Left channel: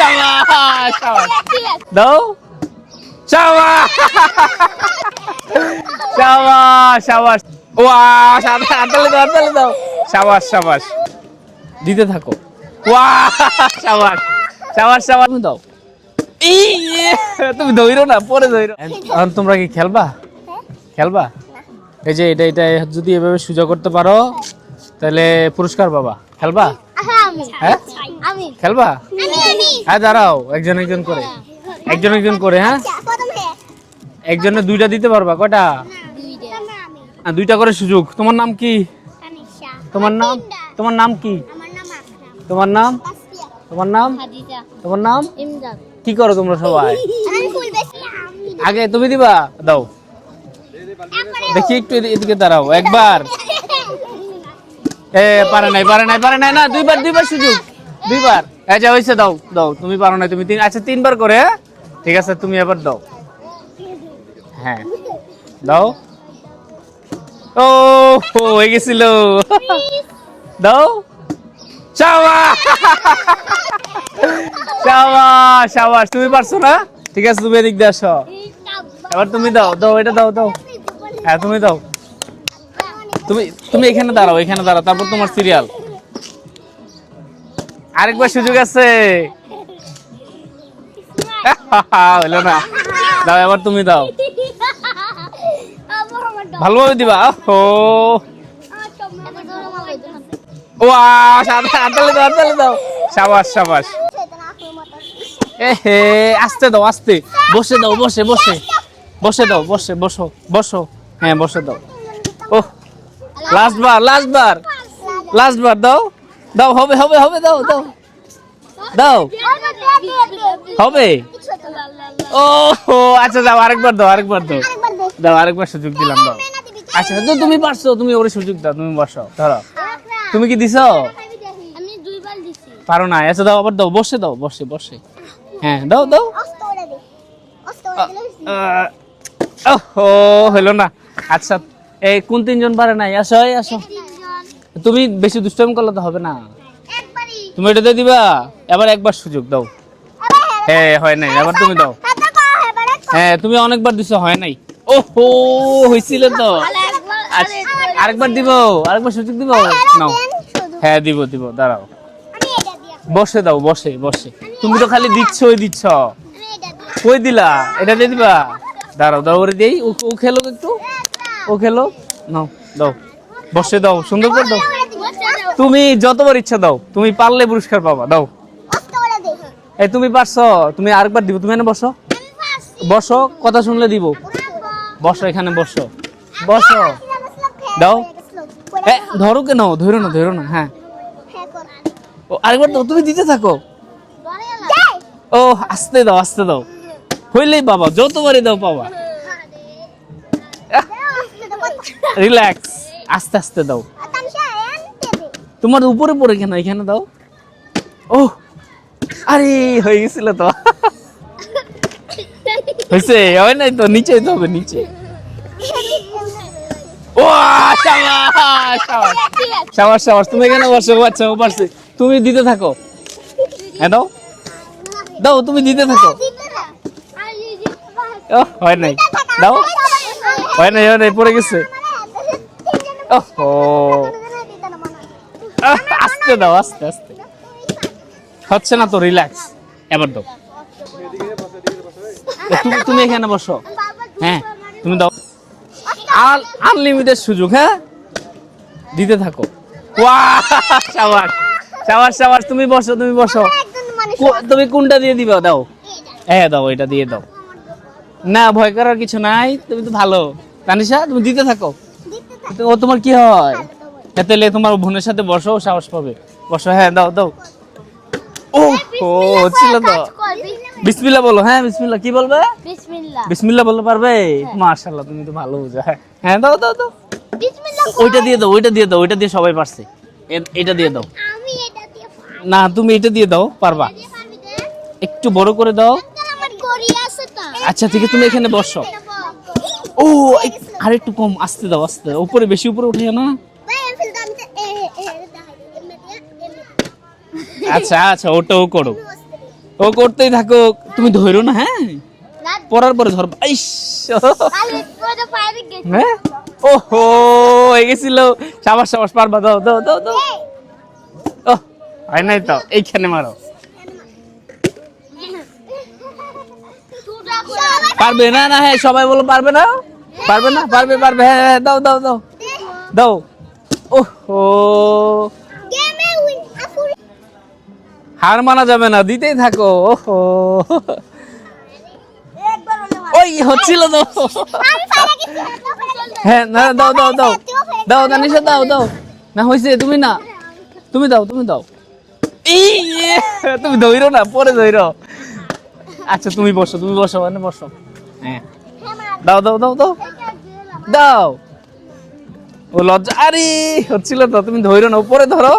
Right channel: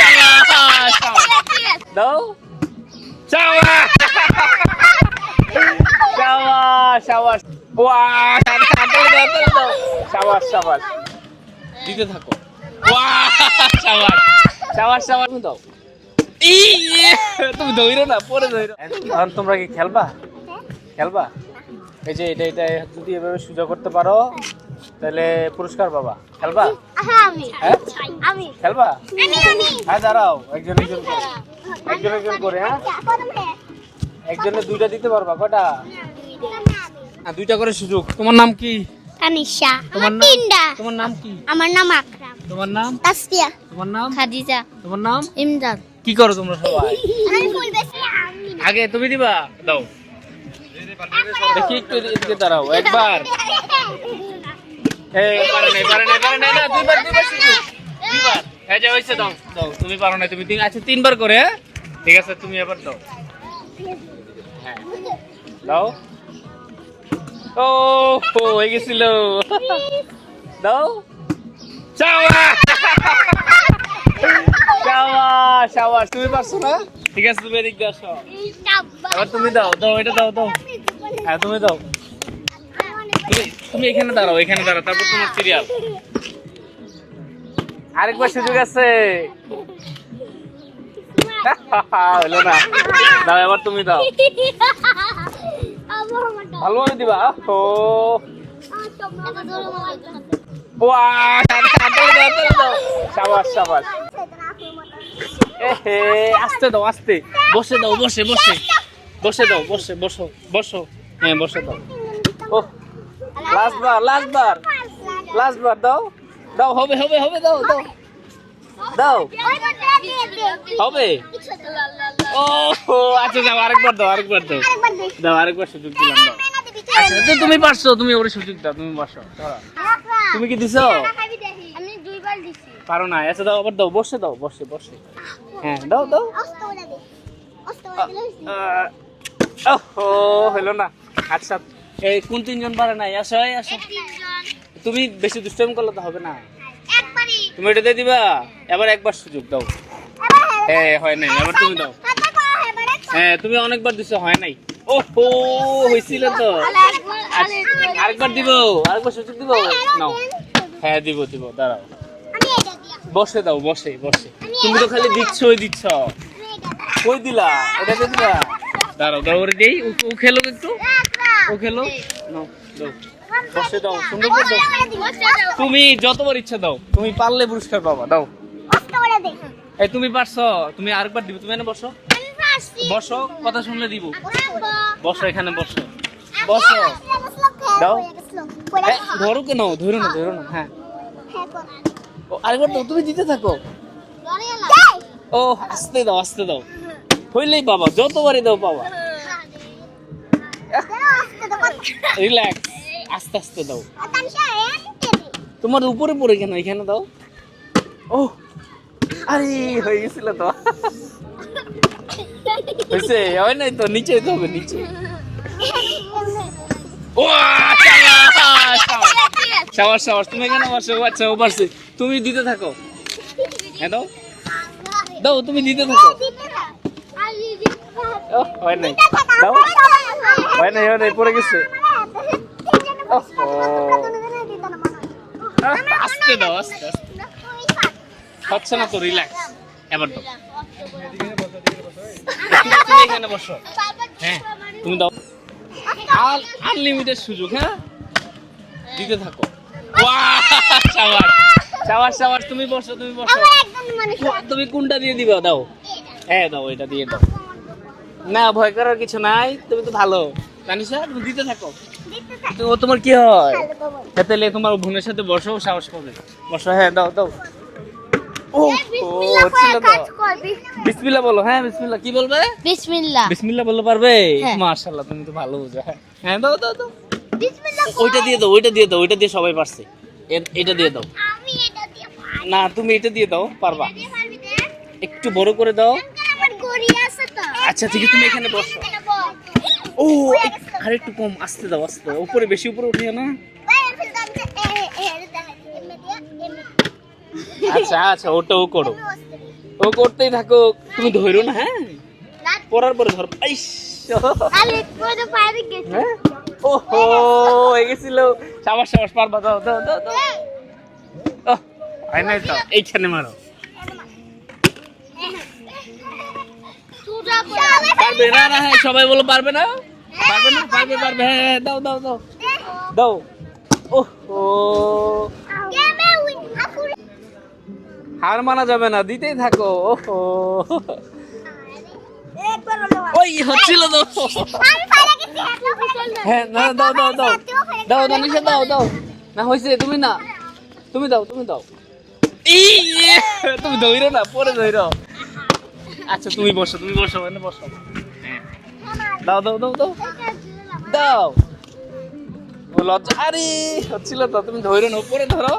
শাবাশ দাও শাবাশ শাবাশ শাবাশ ওয়াও হাততালি দাও শাবাশ শাবাশ দিতে থাকো ওয়াও শাবাশ শাবাশ শাবাশ দাও তুমি ধইরো না পরে ধইরো এখন তোমরা কি খেলবা খেলবা এই যে এটা যদি এভাবে সোজা করতে পারো তাহলে পুরস্কার পাবা খেলবা হ্যাঁ খেলবা হ্যাঁ দাঁড়াও একজন করে হ্যাঁ একজনে দুইটা দিতে পারবা কয়টা দুইটা করে সুযোগ তোমার নাম কি তানিশা তোমার নাম কি আমার নাম আকরাম তোমার নাম তাসফিয়া তোমার নাম খাদিজা তোমার নাম ইমদাদ কি করো তোমরা সবাই আমি ফুল বেশি আগে তুমি দিবা দাও দেখি একটু এদিকে দাঁড়াও একবার পারে নাই না দুইবার সুযোগ দুইবার যা হয়েছে দাও তুমি পারো না তুমি আচ্ছা তিনবার করে ঠিক আছে তুমি এবার দাও হ্যাঁ দাও ও হয়ে গেছিল দাও শাবাশ শাবাশ শাবাশ তুমি পারছো না ঠিক আছে তুমি এদিক দিয়ে আসো আর তুমি দাও এটা দাও হ্যাঁ তুমি দাও তুমি এখানে দাঁড়াও তারপর তোমার সিরিয়াল আরেকবার সুযোগ আছে হলো না দাও এবার তুমি দাও ভালোভাবে দিবা ও হাততালি দাও শাবাশ শাবাশ আস্তে দাও আস্তে বসে দাও বসো হ্যাঁ বসে দাও ও লাস্ট বার দাও হবে দাও হবে ও আচ্ছা যাও আরেকবার দাও আরেকবার সুযোগ দিলাম দাও আচ্ছা তুমি পারছো তুমি ওরে সুযোগ দাও তুমি বসো ধরো তুমি কি দিছো আমি দুইবার দিছি পারো না আচ্ছা দাও আবার দাও বসে হ্যাঁ দাও ওহো হলো না আচ্ছা এই কোন তিনজন পারে নাই আসো তুমি বেশি দুষ্টামি করলে তো হবে না তুমি এটা দিয়ে দিবা এবার একবার সুযোগ দাও হ্যাঁ হয় নাই এবার তুমি দাও হ্যাঁ তুমি অনেকবার দিছো হয় নাই ওহো হইছিল তো আরেকবার দিব আরেকবার সুযোগ দিব নাও হ্যাঁ দিব দাঁড়াও বসে দাও বসে তুমি তো খালি দিচ্ছ কই দিলা এটা দিয়ে দিবা দাঁড়াও করে দেই ও খেলো একটু নাও দাও বসে দাও সুন্দর করে দাও তুমি যতবার ইচ্ছা দাও তুমি পারলে পুরস্কার পাবা দাও এই তুমি পারছো তুমি আরেকবার দিব তুমি এখানে বসো কথা শুনলে দিব বসো এখানে বসো দাও ধরো কেন ধরো না হ্যাঁ ও আরেকবার দাও তুমি দিতে থাকো ও আস্তে দাও হইলেই পাবা যতবারই দাও পাবা রিল্যাক্স আস্তে দাও তোমার উপরে পড়ে কেন এখানে দাও ও আরে হয়ে গেছিল তো হয়েছে হয় নাই তো নিচে হবে নিচে ও শাবাশ তুমি এখানে বসো আচ্ছা ও পারছে তুমি দিতে থাকো হ্যাঁ দাও তুমি দিতে থাকো হয় নাই দাও হয় নাই পড়ে গেছে আস্তে দাও আস্তে হচ্ছে না তো রিল্যাক্স এবার দাও তুমি এখানে বসো হ্যাঁ তুমি দাও আনলিমিটেড সুযোগ হ্যাঁ দিতে থাকো শাবাশ তুমি বসো তুমি কোনটা দিয়ে দিবা দাও হ্যাঁ দাও এটা দিয়ে দাও না ভয় করার কিছু নাই তুমি তো ভালো তানিশা তুমি দিতে থাকো ও তোমার কি হয় তাহলে তোমার বোনের সাথে বসো সাহস পাবে বসো হ্যাঁ দাও ও ছিল তো বিসমিল্লাহ বলো হ্যাঁ বিসমিল্লাহ কি বলবে বিসমিল্লাহ বলতে পারবে মাশাআল্লাহ তুমি তো ভালো বুঝো হ্যাঁ দাও বিসমিল্লাহ ওইটা দিয়ে দাও ওইটা দিয়ে সবাই পারছে এটা দিয়ে দাও আমি এটা দিয়ে না তুমি এটা দিয়ে দাও পারবা একটু বড় করে দাও আমার গড়ি আছে তো আচ্ছা ঠিক আছে তুমি এখানে বসো ও আর একটু কম আস্তে দাও উপরে বেশি উপরে উঠিও না আচ্ছা ওটাও করো ও করতেই থাকো, তুমি ধরো না, হ্যাঁ না পড়ার পরে ধরো। ইস, খালি করে পায়ে গেছে হ্যাঁ ওহো হয়ে গেছিল। সাবাস সাবাস, পারবা, দাও দাও দাও দাও। ও হয় নাই তো, এইখানে মারো। পারবে না? না হ্যাঁ সবাই বলো পারবে না, পারবে না, পারবে পারবে, হ্যাঁ হ্যাঁ, দাও দাও দাও দাও। ওহো গেমে উইন আপুর হার মানা যাবে না, দিতেই থাকো। ওহো একবার হলো ওই হচ্ছিল তো। আমি পায়ে গেছি হ্যাঁ না দাও দাও দাও দাও, দানিশা দাও দাও। না হয়েছে, তুমি না, তুমি দাও, তুমি দাও। ইয়ে, তুমি ধইরো না, পরে ধইরো। আচ্ছা তুমি বসো, তুমি বসো, মানে বসো। হ্যাঁ দাও দাও দাও দাও দাও। ও লজ্জা, আরে হচ্ছিল তো, তুমি ধইরো না, উপরে ধরো।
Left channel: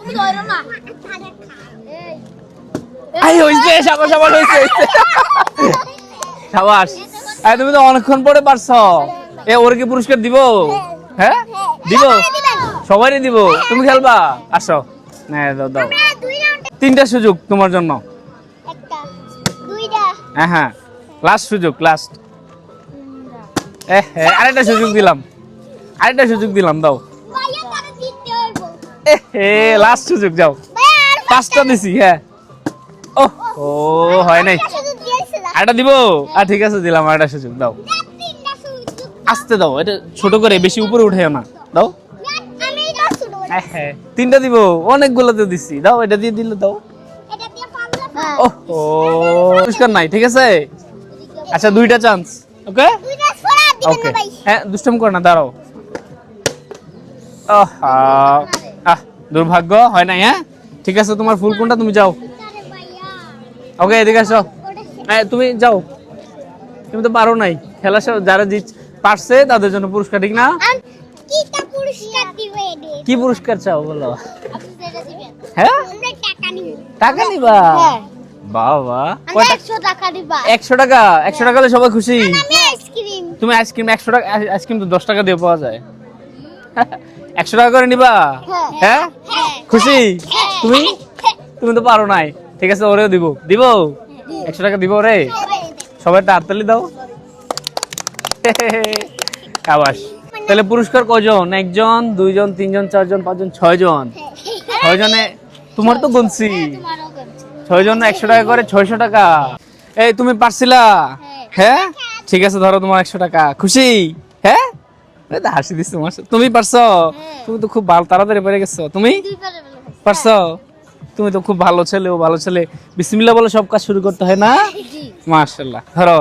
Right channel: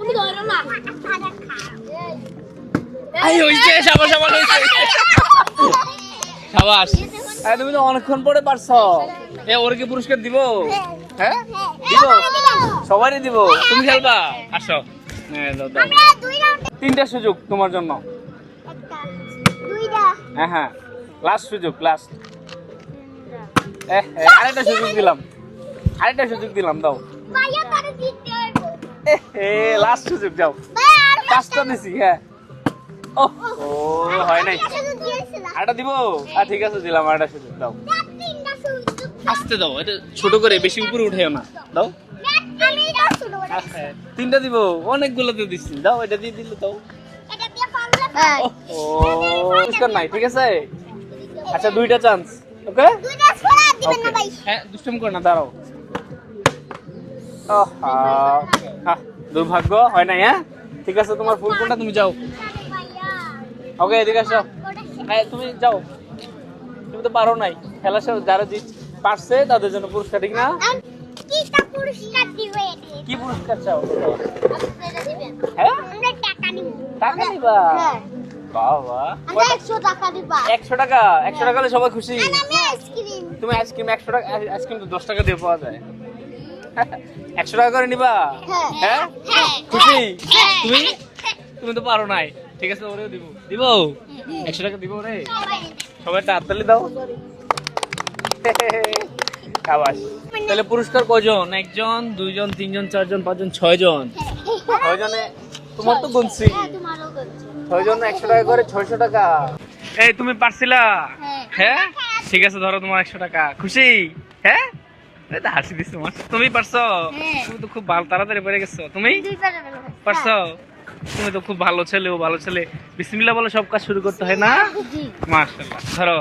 তুমি ধরো না আই হইছে, সাবাস সাবাস, হইছে হইছে। সাবাস। আরে তুমি তো অনেকক্ষণ পরে পারছো। এ ওর কি পুরস্কার দিব? হ্যাঁ দিব, সবাইকে দিব। তুমি খেলবা, আসো। হ্যাঁ দাও দাও। আমরা দুই রাউন্ড তিনটা সুযোগ তোমার জন্য। একটা দুইটা হ্যাঁ হ্যাঁ, লাস্ট সুযোগ, লাস্ট। আরেকটা সুযোগ দিলাম, আরেকটা সুযোগ দিলাম, দাও। ভাইয়া তারে জিততে হইব লাস্ট সুযোগ, যাও। ভাইয়া আর পাঁচটা দিছি, হ্যাঁ। ও ও হয় নাই, শুধু দিয়েছিলাম আরেকটা দিব। আর ঠিক আছে, দিলাম আরেকটা সুযোগ, দাও। তিনটা সুযোগ আস্তে দাও, এটা ছোট করে, বেশি উপরে উঠাইও না, দাও। আমি এটা শুরু করি হ্যাঁ তিনটা দিব, অনেকগুলো তো দিছি, দাও। এটা দিয়ে দিলে দাও। এটা দিয়ে পারলে ও পুরস্কার নাই, ঠিক আছে। আচ্ছা দুইটা চান্স, ওকে দুইটা ছড়া দিবেন ওকে। না ভাই হ্যাঁ দুষ্টম কর না, দাঁড়াও। আহা, আহ দুর্ভাগ্য, হয় নাই। হ্যাঁ ঠিক আছে, তোমার ফুল কোনটা, তুমি যাও। আরে ভাইয়া ওকে এদিকে আসো। ওটা তুমি যাও, তুমি তো পারো নাই। খেলা যারা পারছে তাদের জন্য পুরস্কার, ঠিক না? আর কিটা পুরস্কার দিবে এডে কি পুরস্কার চাও বলো? আপনি এটা দিবেন হ্যাঁ আমরা টাকা নিব টাকা নিবা? হ্যাঁ বাবা, আমরা 100 টাকা দিবা 100 টাকা? 100 টাকা হলে সবাই খুশি। আমি আইসক্রিম তুমি আইসক্রিম 100 টাকা, আইসক্রিম তো 10 টাকা দিয়ে পাওয়া যায়। 100 টাকা করে নিবা? হ্যাঁ খুশি? তুমি তুমি তো পারো নাই, ঠিক আছে, ওরেও দিব, দিব 100 টাকা দিব ওরে। সবাই তাড়াতাড়ি দাও। আবাস। তাহলে পুরস্কার কয়জন? একজন, দুইজন, তিনজন, চারজন, পাঁচজন, 6 জন। 6 জনে তোমার তো গুনছি, তোমারও করছে 6 জন 100 টাকা করে, 600 টাকা। এই তুমি পারছিলা? হ্যাঁ ঠিক আছে, ধরো তোমার 100 টাকা। খুশি? হ্যাঁ এই তো হাসি দিচ্ছ তোমার, তুমি পারছো। তুমি তো খুব ভালো, তাড়াতাড়ি পেরে গেছো। তুমি দুই পারে বলো পারছো? তুমি তো খুব ভালো ছেলে, ও ভালো ছেলে। বিসমিল্লাহ বলে সব কাজ শুরু করতে হয় না? জি মাশাআল্লাহ। ধরো,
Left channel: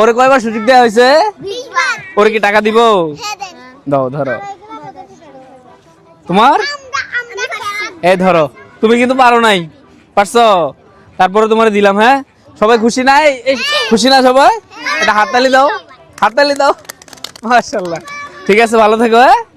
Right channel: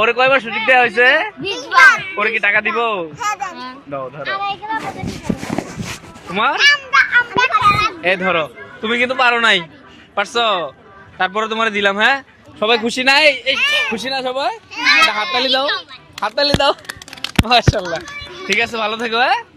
ওরে কয়বার সুযোগ দেওয়া হয়েছে? 20 বার ওরে কি টাকা দিব? হ্যাঁ দেন দাও, ধরো তোমার। আমরা এই ধরো, তুমি কিন্তু পারো নাই, পারছো। তারপরে তোমারে দিলাম। হ্যাঁ সবাই খুশি নাই? খুশি না সবাই? এটা হাততালি দাও, হাততালি দাও। মাশাআল্লাহ। ঠিক আছে, ভালো থেকো। হ্যাঁ।